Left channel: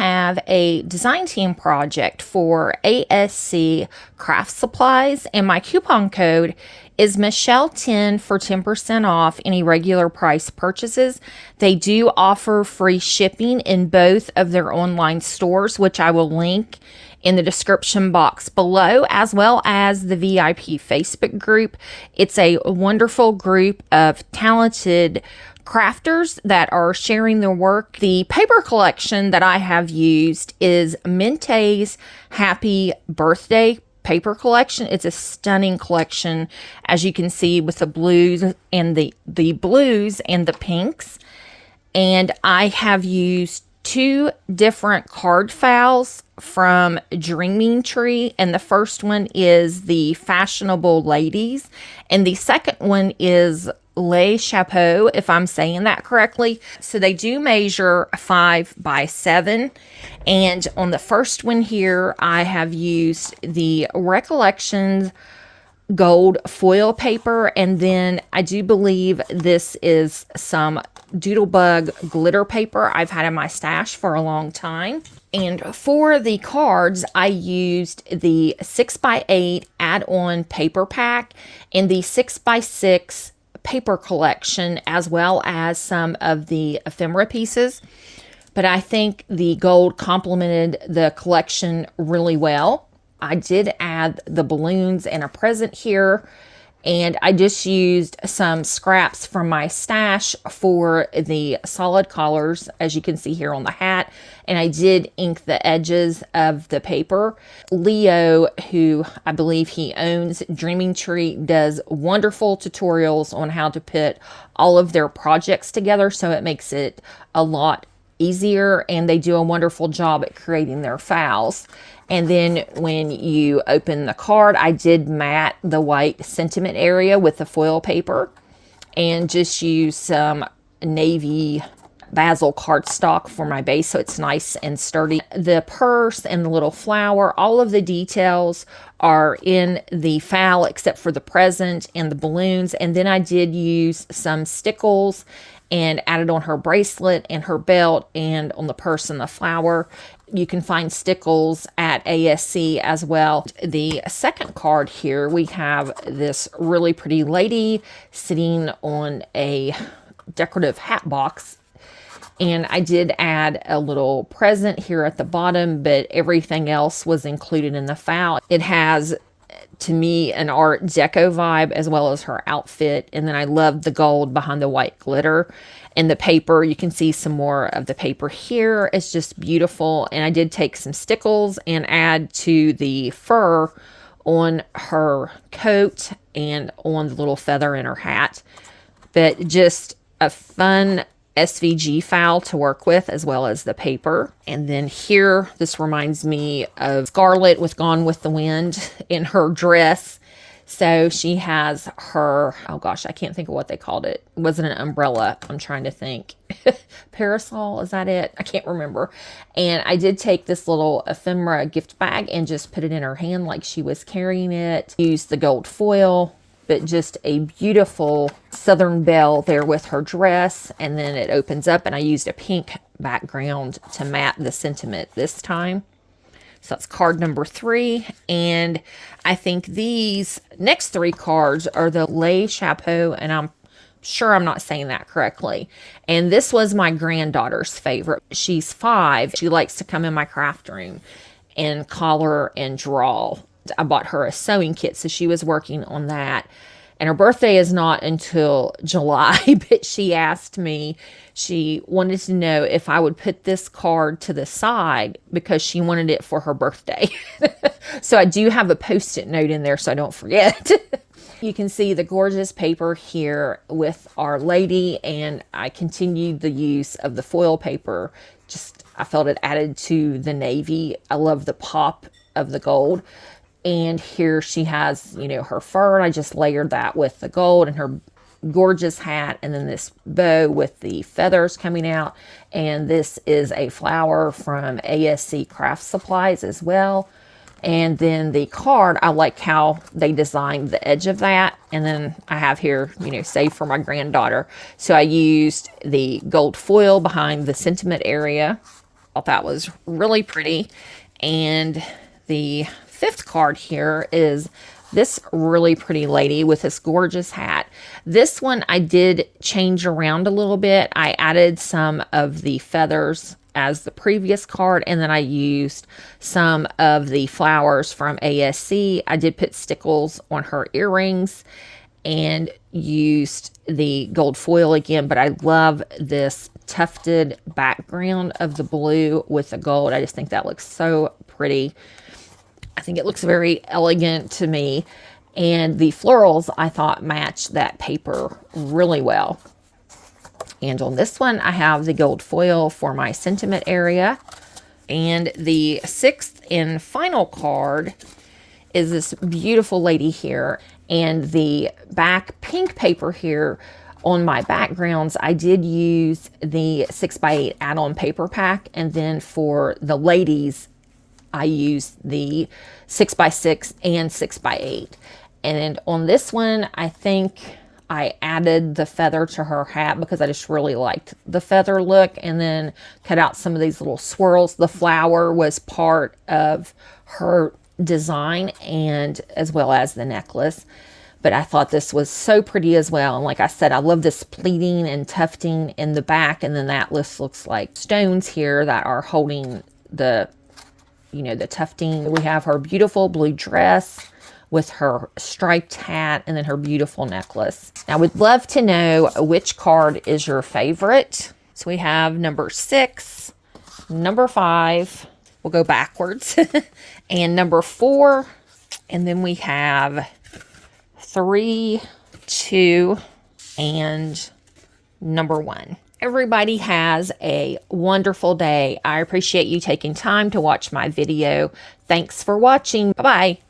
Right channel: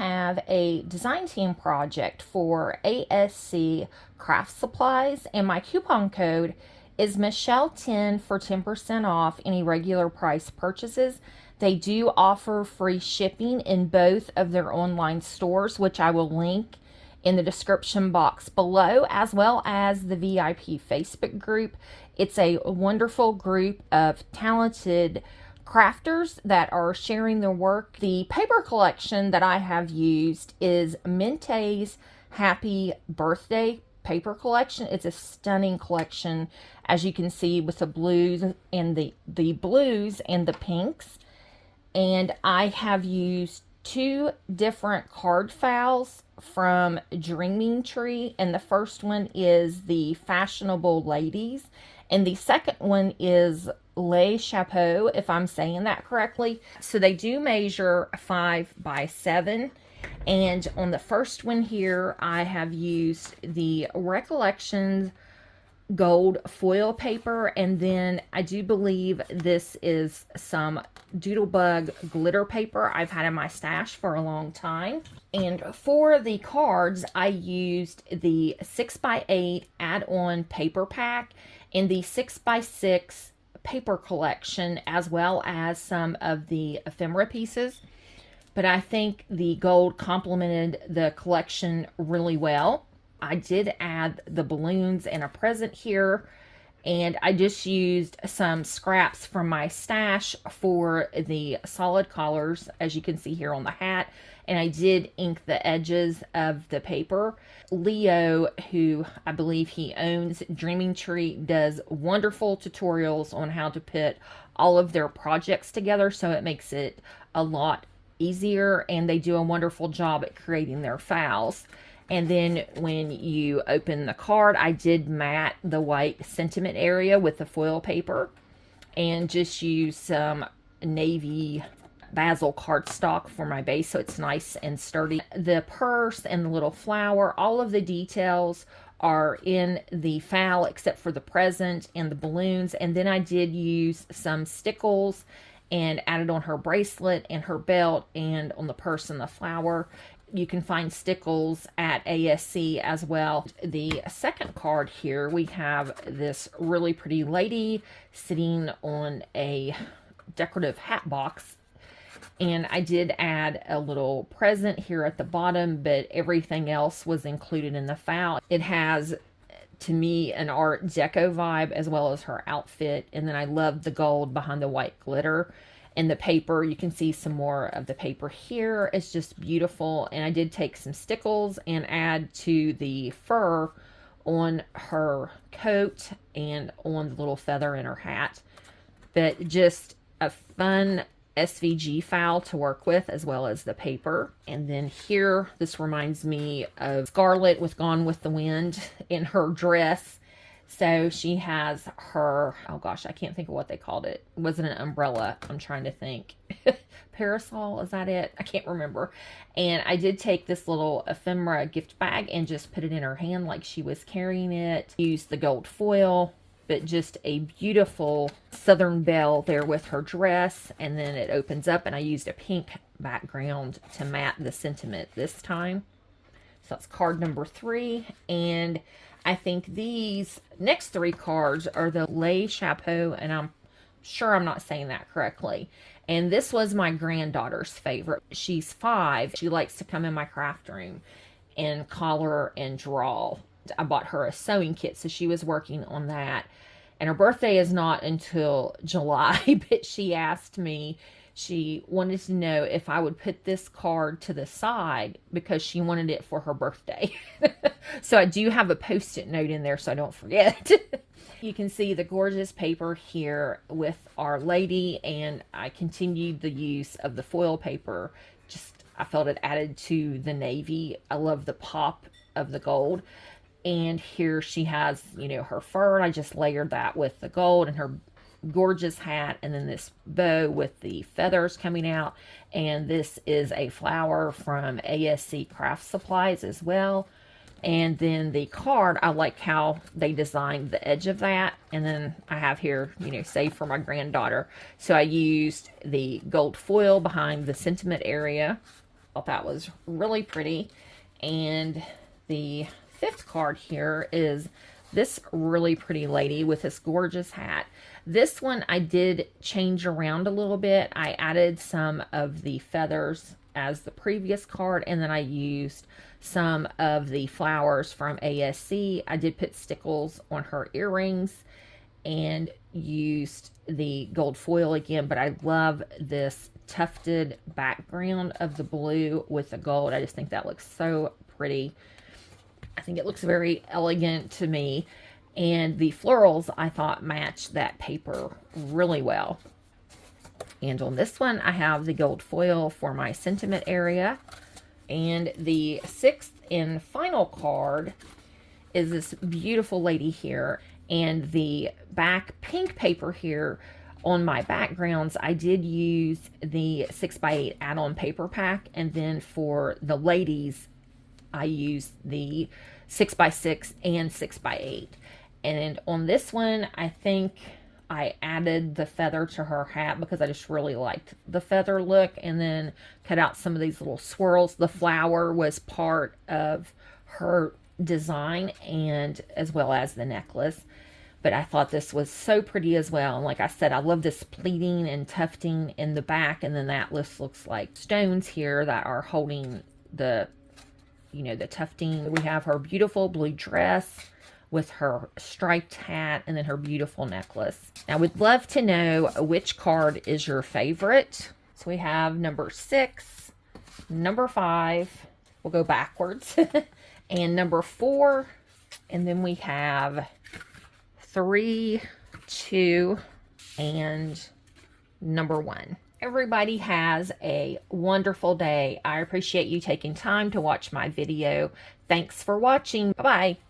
have a design team project for ASC Craft Supplies, and my coupon code is Michelle10 for 10% off any regular price purchases. They do offer free shipping in both of their online stores, which I will link in the description box below, as well as the VIP Facebook group. It's a wonderful group of talented crafters that are sharing their work. The paper collection that I have used is Mintay's Happy Birthday paper collection. It's a stunning collection, as you can see, with the blues and the blues and the pinks. And I have used 2 different card files from Dreaming Tree, and the first one is the Fashionable Ladies, and the second one is Chapeau, if I'm saying that correctly. So they do measure 5 by 7. And on the first one here, I have used the Recollections gold foil paper, and then I do believe this is some Doodlebug glitter paper I've had in my stash for a long time. And for the cards, I used the 6x8 add-on paper pack and the 6x6 paper collection, as well as some of the ephemera pieces. But I think the gold complemented the collection really well. I did add the balloons and a present here, and I just used some scraps from my stash for the solid collars, as you can see here on the hat, and I did ink the edges of the paper. Leo, who I believe he owns Dreaming Tree, does wonderful tutorials on how to put all of their projects together, so it makes it a lot easier, and they do a wonderful job at creating their files. And then when you open the card, I did mat the white sentiment area with the foil paper and just use some navy basil cardstock for my base, so it's nice and sturdy. The purse and the little flower, all of the details are in the file except for the present and the balloons. And then I did use some stickles and added on her bracelet and her belt, and on the purse and the flower. You can find stickles at ASC as well. The second card here, we have this really pretty lady sitting on a decorative hat box. And I did add a little present here at the bottom, but everything else was included in the file. It has, to me, an Art Deco vibe, as well as her outfit. And then I love the gold behind the white glitter. And the paper, you can see some more of the paper here. It's just beautiful. And I did take some stickles and add to the fur on her coat and on the little feather in her hat. But just a fun SVG file to work with, as well as the paper. And then here, this reminds me of Scarlett with Gone with the Wind in her dress. So she has her, oh gosh, I can't think of what they called it. It wasn't an umbrella. I'm trying to think. Parasol, is that it? I can't remember. And I did take this little ephemera gift bag and just put it in her hand like she was carrying it. Used the gold foil, but just a beautiful Southern Belle there with her dress. And then it opens up, and I used a pink background to mat the sentiment this time. So that's card number 3. And I think these next 3 cards are the Le Chapeau, and I'm sure I'm not saying that correctly. And this was my granddaughter's favorite. She's 5. She likes to come in my craft room and color and draw. I bought her a sewing kit, so she was working on that. And her birthday is not until July, but she asked me, she wanted to know if I would put this card to the side because she wanted it for her birthday. So I do have a Post-it note in there so I don't forget. You can see the gorgeous paper here with Our Lady, and I continued the use of the foil paper. Just, I felt it added to the navy. I love the pop of the gold. And here she has, you know, her fur, and I just layered that with the gold, and her gorgeous hat, and then this bow with the feathers coming out. And this is a flower from ASC Craft Supplies as well. And then the card, I like how they designed the edge of that. And then I have here, you know, saved for my granddaughter. So I used the gold foil behind the sentiment area. thought that was really pretty. And the fifth card here is this really pretty lady with this gorgeous hat. This one I did change around a little bit. I added some of the feathers as the previous card, and then I used some of the flowers from ASC. I did put stickles on her earrings and used the gold foil again, but I love this tufted background of the blue with the gold. I just think that looks so pretty. I think it looks very elegant to me. And the florals I thought matched that paper really well. And on this one, I have the gold foil for my sentiment area. And the sixth and final card is this beautiful lady here. And the back pink paper here on my backgrounds, I did use the 6x8 add-on paper pack. And then for the ladies, I used the 6x6 and 6x8. And on this one, I think I added the feather to her hat because I just really liked the feather look, and then cut out some of these little swirls. The flower was part of her design, and as well as the necklace. But I thought this was so pretty as well. And like I said, I love this pleating and tufting in the back. And then that looks like stones here that are holding the, you know, the tufting. We have her beautiful blue dress with her striped hat and then her beautiful necklace. Now, I would love to know which card is your favorite. So we have number 6, number 5. We'll go backwards. And number 4. And then we have 3, 2, and number 1. Everybody has a wonderful day. I appreciate you taking time to watch my video. Thanks for watching. Bye-bye.